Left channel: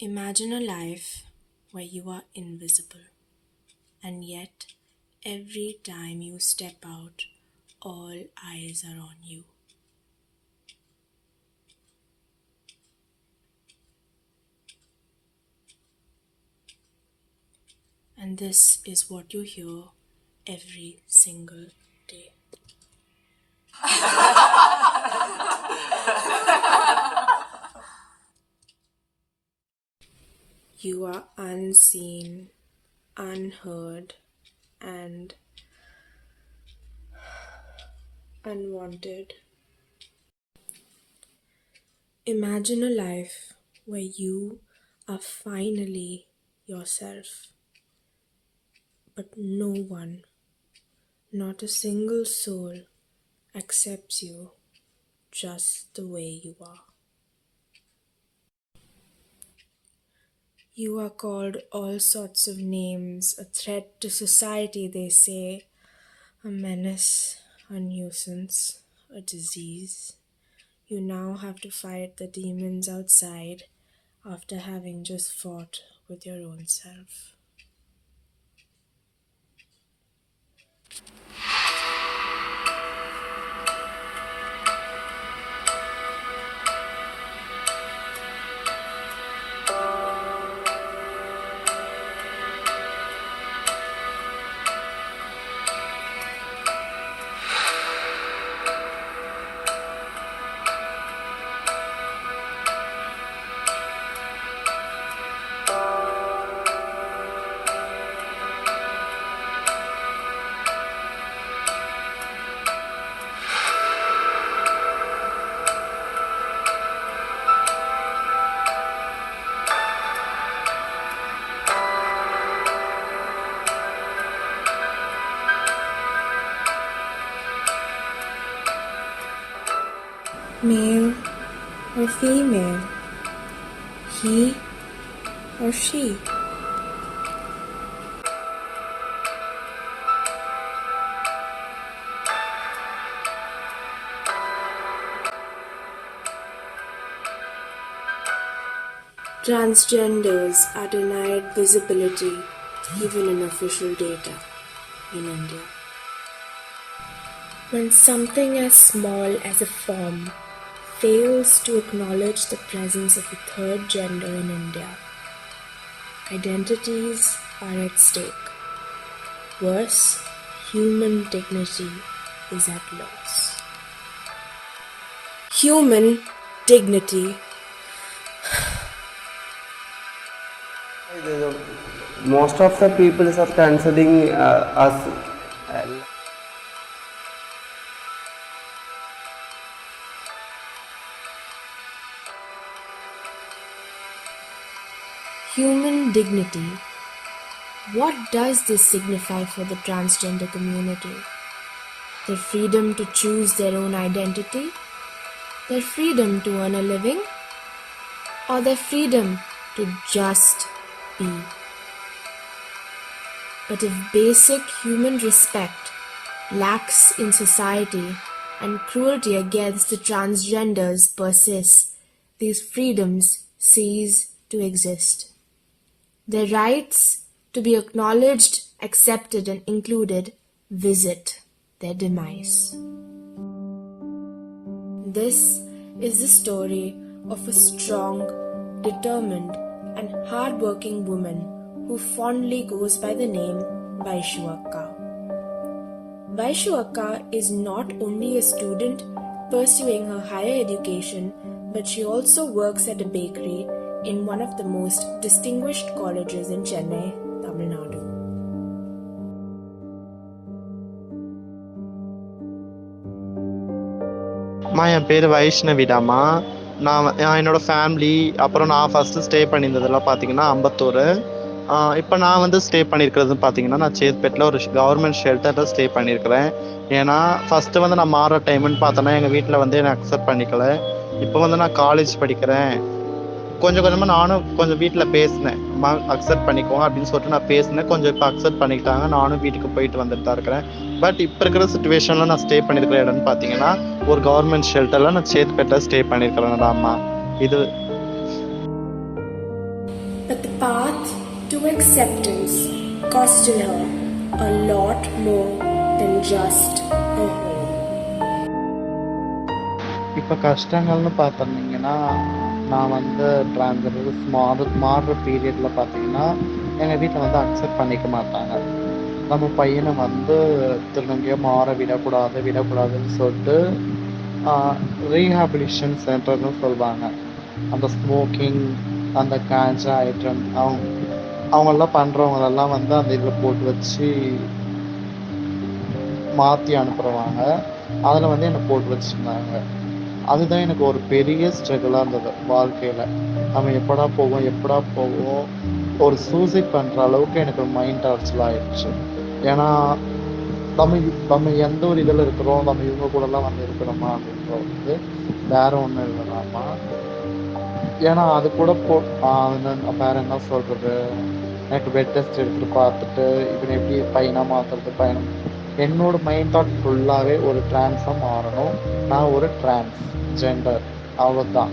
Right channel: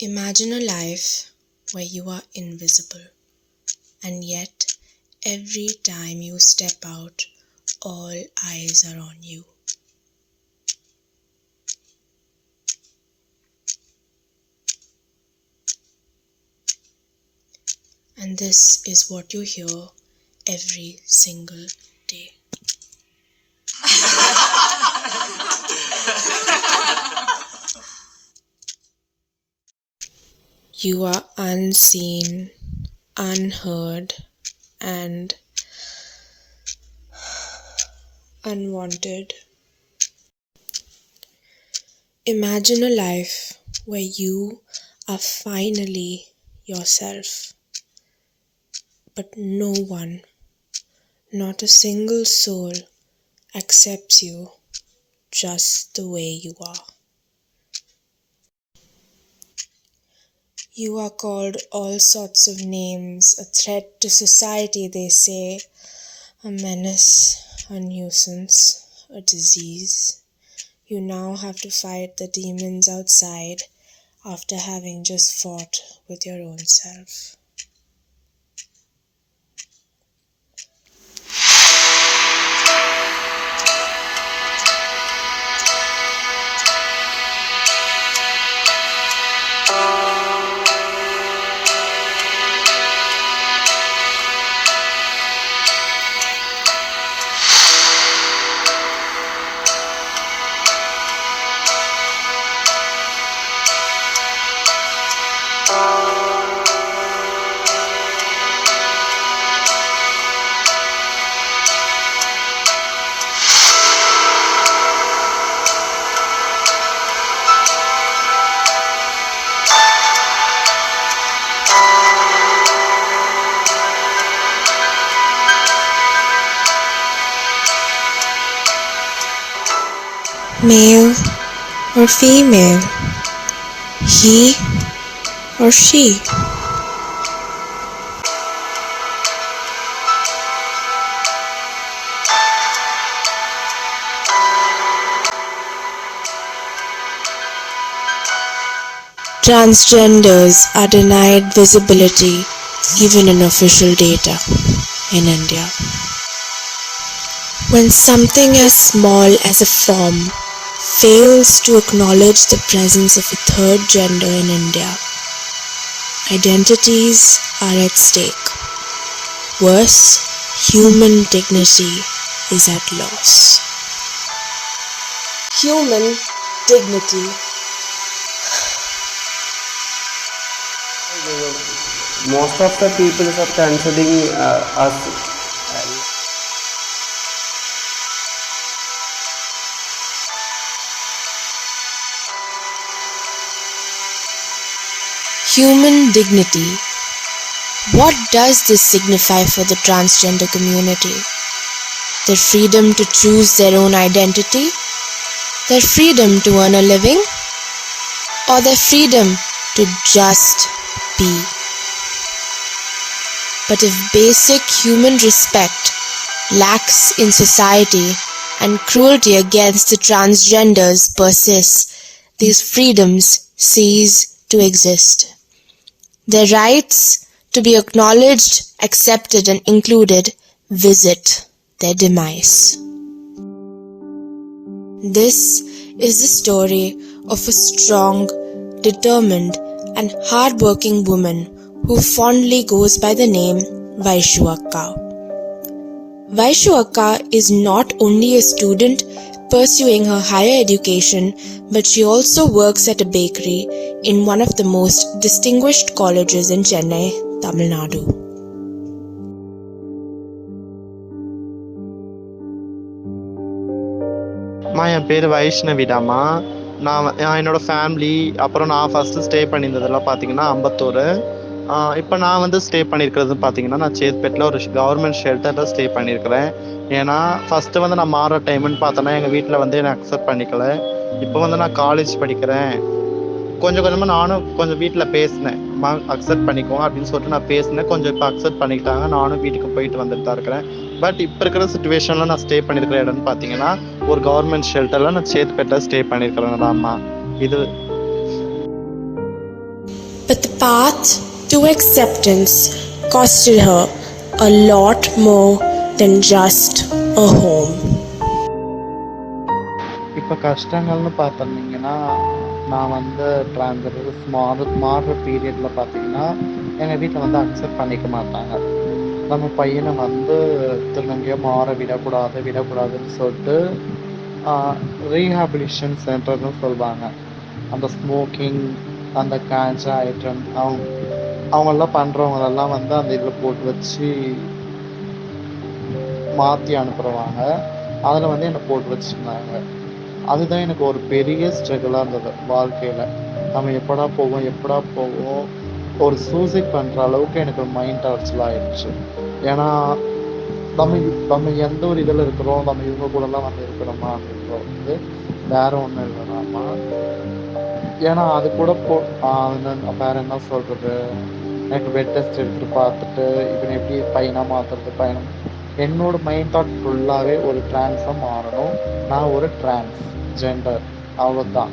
Imagine a life where you are invisible, and yet every time you step out, all eyes are on you. And this is what you hear every single day. You are unseen, unheard, and unwanted. Imagine a life where you are finally yourself, but no one, not a single soul, accepts you just the way you are. You are called all sorts of names, a threat to society, they say, a menace, a nuisance, a disease. You now have to fight the demons outside after having just fought with your own self. Male or female, he or she. Transgenders are denied visibility even in official data in India. When something as small as a form fails to acknowledge the presence of a third gender in India, identities are at stake. Worse, human dignity is at loss. Human dignity. Most of the people are considering us Human dignity. What does this signify for the transgender community? Their freedom to choose their own identity? Their freedom to earn a living? Or their freedom to just be? But if basic human respect lacks in society and cruelty against the transgenders persists, these freedoms cease to exist. Their rights to be acknowledged, accepted and included visit their demise. This is the story of a strong, determined and hard-working woman who fondly goes by the name Vaishu Akka. Vaishu Akka is not only a student pursuing her higher education, but she also works at a bakery in one of the most distinguished colleges in Chennai, Tamil Nadu. என் பேர் வைஷ்ணவிடாமா. நான் என்னோடய ஃபேமிலி அப்புறம் நான் first stay பண்ணியிருந்ததெல்லாம் பார்த்தீங்கன்னா அம்பத்தூர். இப்போ நான் ஸ்டே பண்ணியிருக்கிறது பார்த்தீங்கன்னா, நான் சேத்பேட்டில் ஒரு கவர்மெண்ட் ஷெல்டரில் ஸ்டே பண்ணியிருக்கிறேன். ஏன்னா ஃபஸ்ட்டு நான் மாறுற டைமுன்னு பார்த்தோன்னா எங்கள் வீட்டில் என்னை அக்செப்ட் பண்ணிக்கல. இப்போ நான் காலேஜ் படிக்கிறேன். கொஞ்சம் கொஞ்சமாக நானும் கொஞ்சம் வீட்டில் பேசினேன், அக்செப்ட் பண்ணிக்கோங்க அப்படின்னு சொல்லிட்டு நான் பேசினேன். கொஞ்சம் இப்போ அக்செப்ட் பண்ணிக்கிட்டாங்க. நானும் வீட்டுக்கு போயிட்டு வந்துட்டு தான் இருக்கிறேன். பட் இப்போ இருக்கிற சுச்சுவேஷனில் நான் ஸ்டே பண்ணியிருக்கிற இடம்னு பார்த்தீங்கன்னா ஒரு கவர்மெண்ட் ஷெல்டரில் நான் சேத்பேட்டில் ஸ்டே பண்ணியிருக்கிறேன்டாம்மா. இது But the path to acceptance costed her a lot more than just a home. இப்போ கஷ்டங்கள்னு பார்த்துருந்தீங்கன்னா, நான் வந்து ட்ரான்ஸ்ஜெண்டர் மாறுற பீரியடில் பார்த்தீங்கன்னா, எங்கள் வீட்டில் வந்து அக்செப்ட் பண்ணிக்க மாட்டாங்க. நம்ம பையனை வந்து திருநங்கையாக மாற விடக்கூடாதுன்னு சொல்லிட்டு ரீஹாபிலிட்டேஷன் சென்டர்னு சொல்லுவாங்க. அந்த ஸ்மோக்கிங், அந்த காஞ்சா ஐட்டம் அவங்கெல்லாம் பண்ணுறவங்களெல்லாம் வந்து அந்த இதில் போட்டு வச்சு மாற்றி அனுப்புகிறவாங்க. அதில் வந்து என்னை போட்டு வச்சுருந்தாங்க. அதுதான் எனக்கு ஒரு பெரிய ஸ்ட்ரகிளாக இருந்தது வாழ்க்கையில். நம்ம எப்படா போவோம் ஒரு சூசைட் பண்ணுற அளவுக்கு எனக்கு மைண்ட் டார்ச்சர் ஆயிடுச்சு. ஏன்னா நம்ம எந்த ஒரு இதில் இருக்கிறோம், நம்ம இவங்க கூடலாம் வந்து இருக்கணுமா அப்படின்ற வந்து வேற ஒன்றும் இல்லைனாமா. ஏன்னா அது கூட வேற என்ன சொல்கிறது, எனக்கு பெட் டெஸ்ட் எடுத்துகிட்டு பார்த்துட்டு இவனை எப்படி பையனாக மாற்றுறது என்னோட மைண்ட் தாட் ஃபுல்லாகவே ஒரு ட்ரான்ஸாக மாறணும். நான் ஒரு ஜெண்டர் அவ்வளோதான்.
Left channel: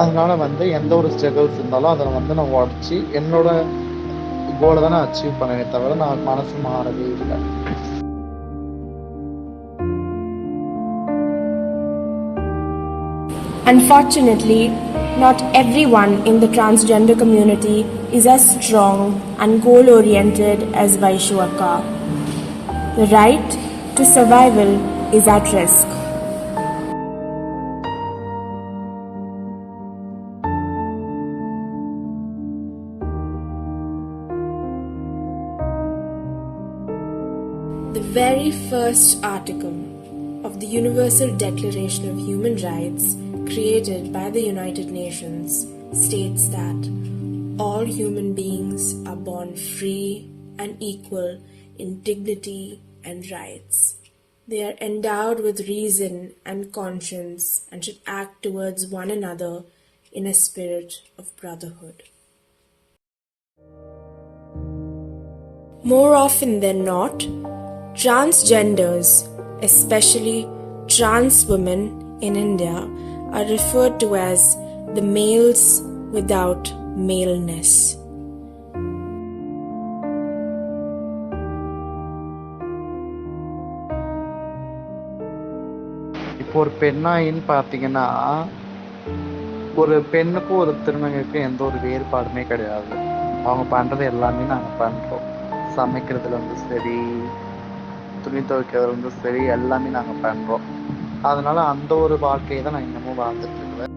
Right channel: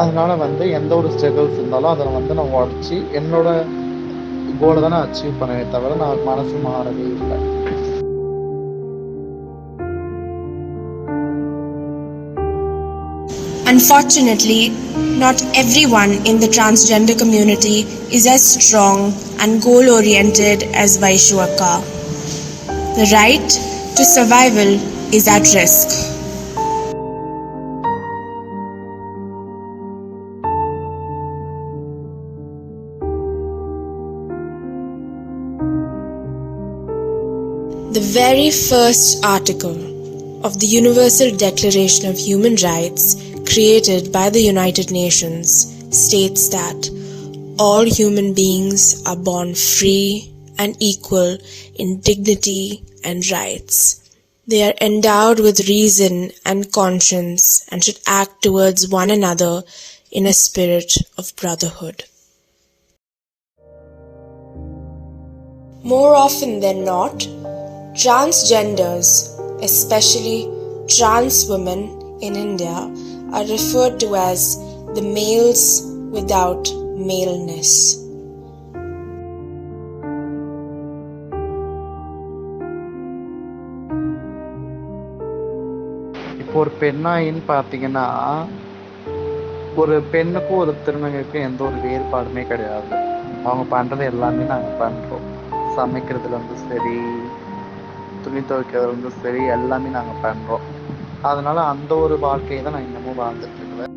அதனால வந்து எந்த ஒரு ஸ்ட்ரகிள்ஸ் இருந்தாலும் அதில் வந்து நான் உடச்சி என்னோட கோலை தான் நான் அச்சீவ் பண்ணவே தவிர நான் மனசு மாறவே இல்லை. Unfortunately, not everyone in the transgender community is as strong and goal-oriented as Vaishu Akka. The right to survival is at risk. The very first article of the Universal Declaration of Human Rights created by the United Nations states that all human beings are born free and equal in dignity and rights. They are endowed with reason and conscience and should act towards one another in a spirit of brotherhood. More often than not, transgenders, especially trans women in India, are referred to as the males without maleness. இப்போ ஒரு பெண்ணாயின்னு பார்த்தீங்கன்னா, ஒரு பெண்ணுக்கும் ஒரு திருநங்கைக்கும் எந்த ஒரு வேறுபாடுமே கிடையாது. அவங்க பண்ணுறது எல்லாமே நாங்கள் பண்ணுறோம். சமைக்கிறதுலேருந்து சரி, துணி துவைக்கிறதுலேருந்து சரி, எல்லாமே நாங்கள் பண்ணுறோம். அதனால அந்த ஒரு வாழ்க்கையை தான் நான் இன்னமும் வாழ்ந்துட்டு இருக்கிறேன்.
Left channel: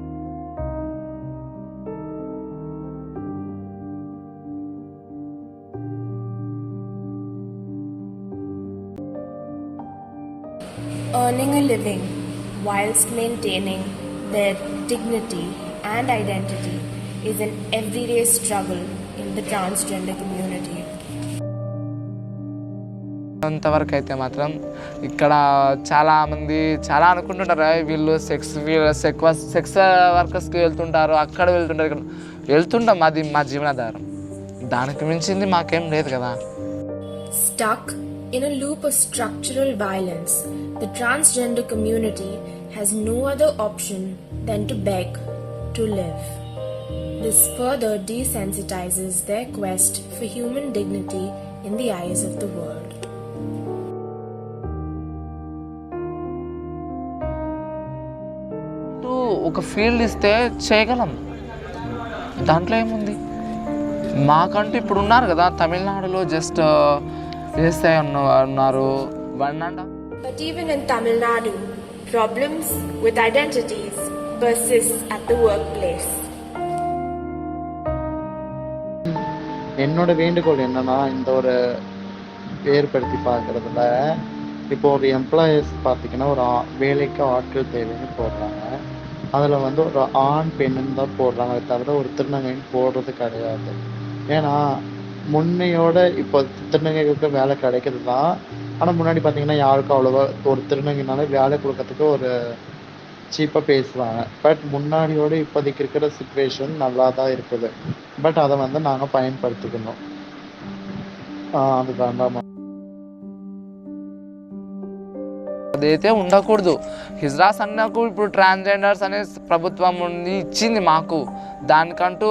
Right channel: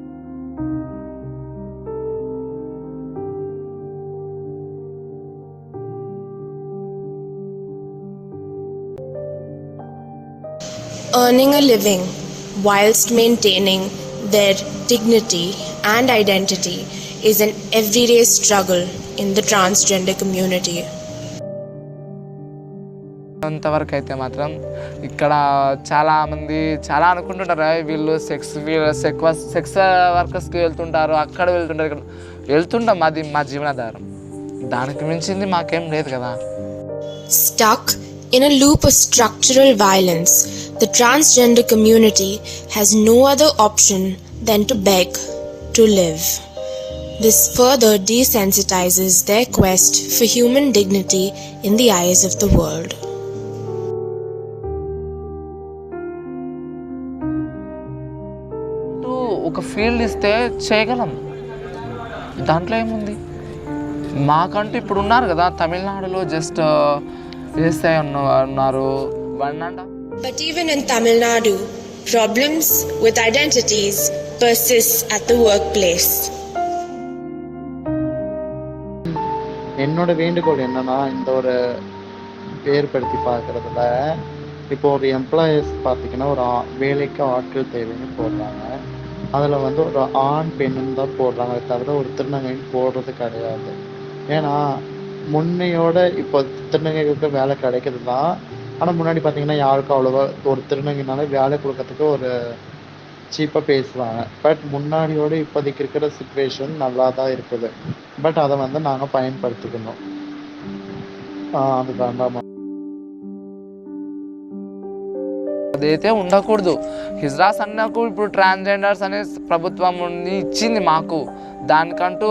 Earning a living whilst maintaining their dignity and identity is an everyday struggle in the transgender community. అంతవరకు అయితే మాత్రం ఇక్కడ చాలామంది చాలా అనుకుంటుంటారు వీళ్ళు సెక్స్ వర్కర్స్కి వెళ్తుంటారు, అక్కడ వెళ్తుంటారు, ఇక్కడ వెళ్తుంటాం. అది మా జీవనాధారం. దానికి మించింది మాకేం లేదు కదా. Stuck in a loop of structural violence, the transgender community has no other option than to beg to live. This further desensitizes their quest for human dignity in the eyes of the world. ఒక ఫీల్డ్ ఇస్తే చేయగలం, దాంట్లో ఏముంది. మాకంటూ ఇప్పుడు ఉన్నారు కదా తమిళనాడులో జస్ట్ చేస్తే ఉన్నారు 1.5. But even in Tamil Nadu, problems with identities persist at the workplace. என்னோட வேண்டுகோள் என்னன்னா, இந்த ஒரு வேறுபடுத்தி பார்க்கறதுல இப்போ ஒரு எம்ப்ளாயர்ஸ் பார்த்தீங்கன்னா ஒரு வேலைக்கு ஆட்கள் தேவைன்னு போடுறாங்க. அதில் வந்து ஒரு ஆண் பெண்ணுன்னு தான் போடுறாங்க, தவிர ஒரு திருநங்கைன்னு போடுறது கிடையாது. ஏன்னா முன்னையோட இப்போ திருநங்கைகளுக்கு வேலை கிடைக்கிறது தான். ஆனால் முன்னாடி பார்த்தீங்கன்னா யாருக்கும் அவ்வளோவா ஒரு திருநங்கைனால வேலை கொடுக்கறதுக்கு ஒரு சீப்பாக பேசுவாங்க. பட் முன்னாடியோடு இப்போதைக்கு இருக்கிற சுச்சுவேஷன் நல்லா தான் இருக்குது. பட் அதை வந்து நாங்கள் பயன்படுத்திக்கணும். அது வேண்டாமா? అదైతే ఉండకూడదు. హిజ్రాస్ అన్నకు ఇప్పుడు ట్రాన్స్జెండర్స్ అనే ప్రభుత్వం ఇచ్చింది మాకు, దానికంటూ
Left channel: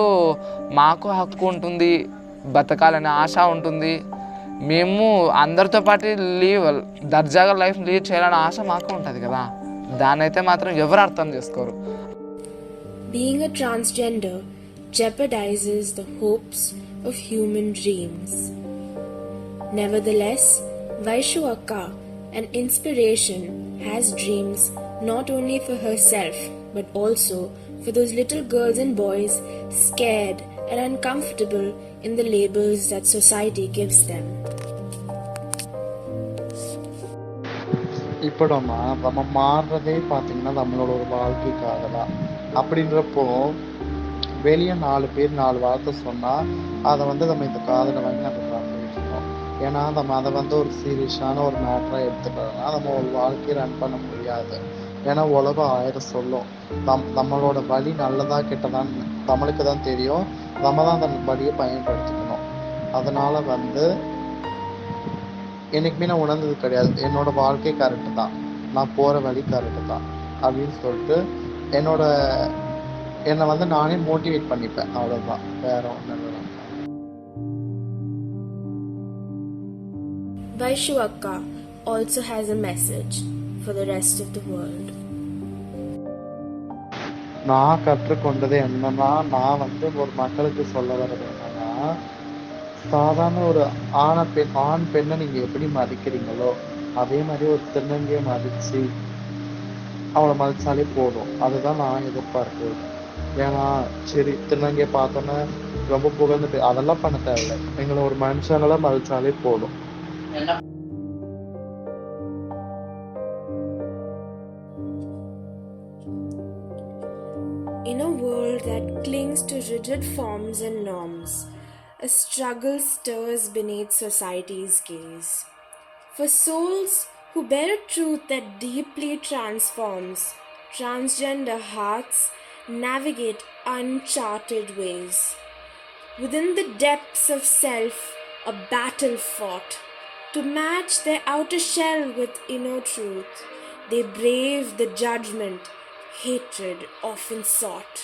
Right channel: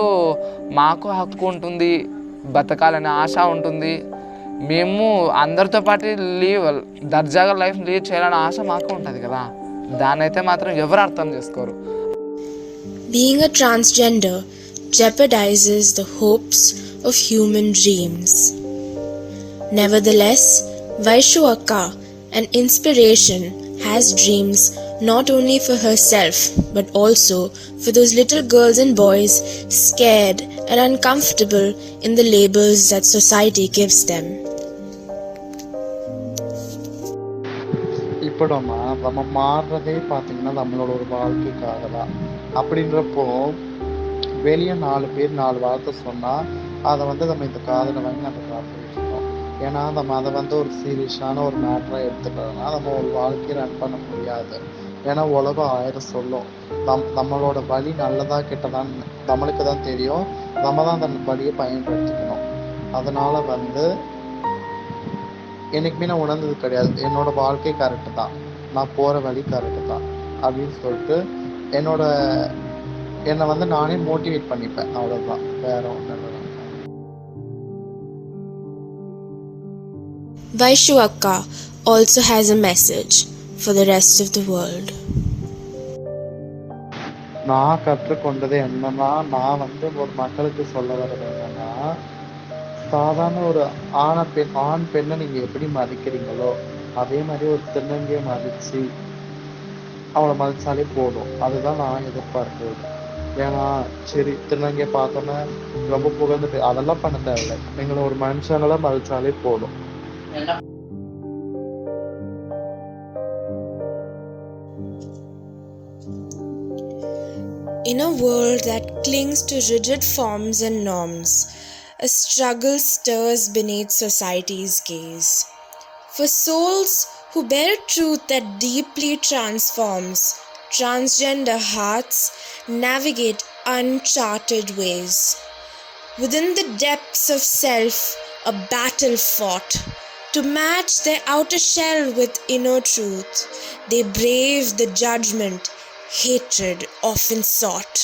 మాకు హక్కు ఉంటుంది, బతకాలనే ఆశ ఉంటుంది. మేము అందరితో పాటు దర్జాగా లైఫ్ లీడ్ చేయాలనే ఆశ మాకు ఉంటుంది కదా, దాన్నైతే మాత్రం ఎవరు అర్థం చేసుకోరు. Being a transgender jeopardizes the hopes of human dreams. Nevertheless, Vaishu Akka, an inspiration, has dreams not only for herself but also for those little girls and boys scared and uncomfortable in the labels that society gives them. இப்போடமா நம்ம மாறுறதே பார்த்தீங்கன்னா நம்மளோட ஒரு வாழ்க்கைக்காக தான். அப்படின்றப்போ வெளியே 4 பேர் 4 வார்த்தை சொன்னால் அதை நம்ம இந்த காதில் வாங்கி நம்ம பண்ணிட்டு இருக்கோம். ஏன்னா நம்ம அதை ஒரு சீரியஸான ஒரு மேட்டராக எடுத்துட்டோம்னா நம்ம ஒரு வாழ்க்கையை ரன் பண்ண முடியாது. ஏன்னா உலகம் 1000 சொல்லும். நம்மளோட வழி நல்லதா கெட்டதான்னு நம்மளுக்கு தான் தெரியும். நம்ம தான் அந்த வழியை பயன்படுத்திக்கணும். அதனால் என்றைக்குமே நான் உணர்ந்தது கிடையாது, என்னோட வாழ்க்கை கரெக்டு தான், நான் போகிற வழி கரெக்டு தான் அப்படின்னு சொல்லிட்டு என்னை நானே மோட்டிவேட் பண்ணிப்பேன். அவ்வளோதான், வேற ஒன்றும் இல்லை. Vaishu Akka also has a message for the rest of the world. நான் கற்றுக்கொண்டது என்னன்னா, நான் ஒரு மக்களுக்கு சொல்ல வர்றது என்னன்னா, சாதாரண ஒரு ஆண் பெண்ணை நீங்கள் எப்படி மதிக்கிறீங்களோ அதே மாதிரி ஒரு திருநங்கையை மதித்து அவளை மதித்தாலே போதும். அதுதான் நான் எதிர்பார்க்குறது. ஏன்னா சரி திருநங்கையை பார்த்தோன்னே ரொம்ப புகழ்ந்துட்டு அதெல்லாம் பண்ண தேவையில்லை, எங்களை ஒரு மனுஷங்களை மதித்தாலே போதும். In a world that clings to rigid forms and norms, a struggle stirs beneath society's gaze. For souls who bear truth that deeply transforms, transgender hearts navigate uncharted ways. Within the depths of self, a battle fought. To match their outer shell with inner truth, they brave the judgment hatred often sought.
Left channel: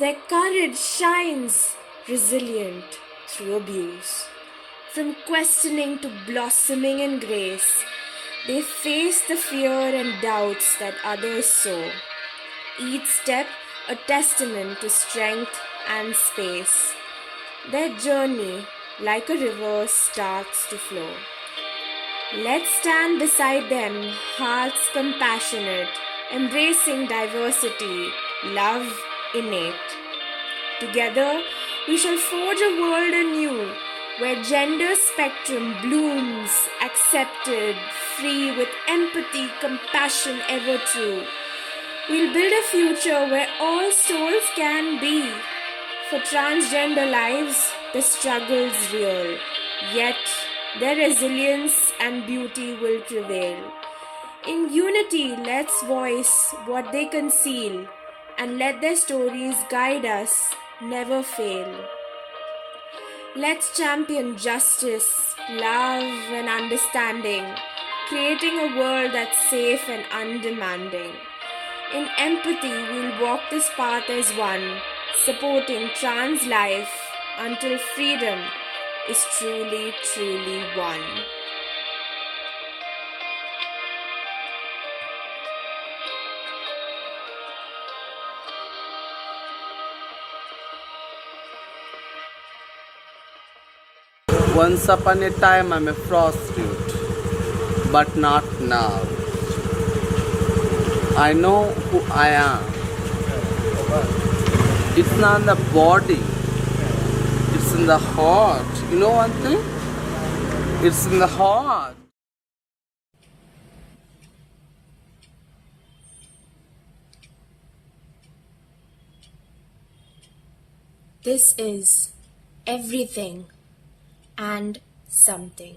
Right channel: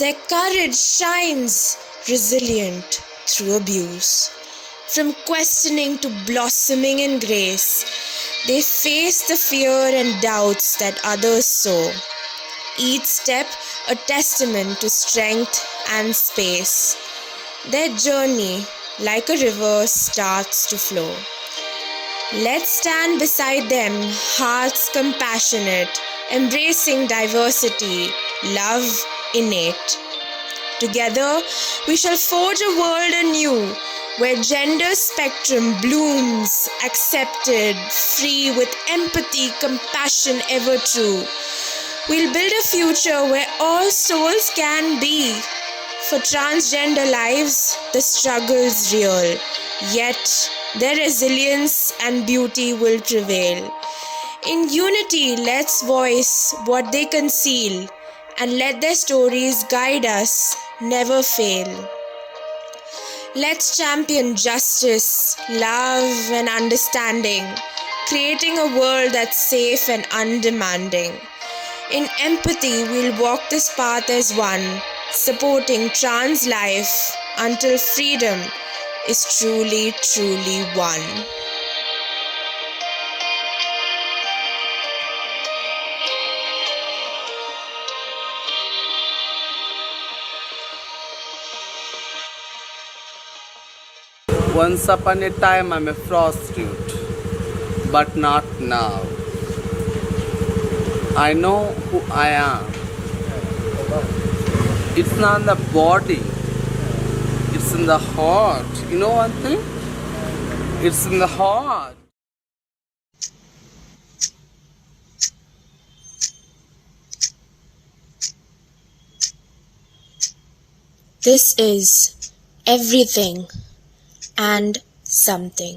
Their courage shines resilient through abuse. From questioning to blossoming in grace, they face the fear and doubts that others sow. Each step a testament to strength and space. Their journey, like a river, starts to flow. Let's stand beside them, hearts compassionate, embracing diversity, love innate. Together, we shall forge a world anew, where gender spectrum blooms, accepted, free, with empathy, compassion ever true. We'll build a future where all souls can be. For transgender lives, the struggle's real, yet their resilience and beauty will prevail. In unity, let's voice what they conceal, and let their stories guide us, never fail. Let's champion justice, love, and understanding, creating a world that's safe and undemanding. In empathy, we'll walk this path as one, supporting trans life until freedom is truly, truly won. Once upon a time I'm a prostitute, but not now. I know who I am. It's not in the body, it's in the heart. You know one thing? It's in the heart. This is everything and something.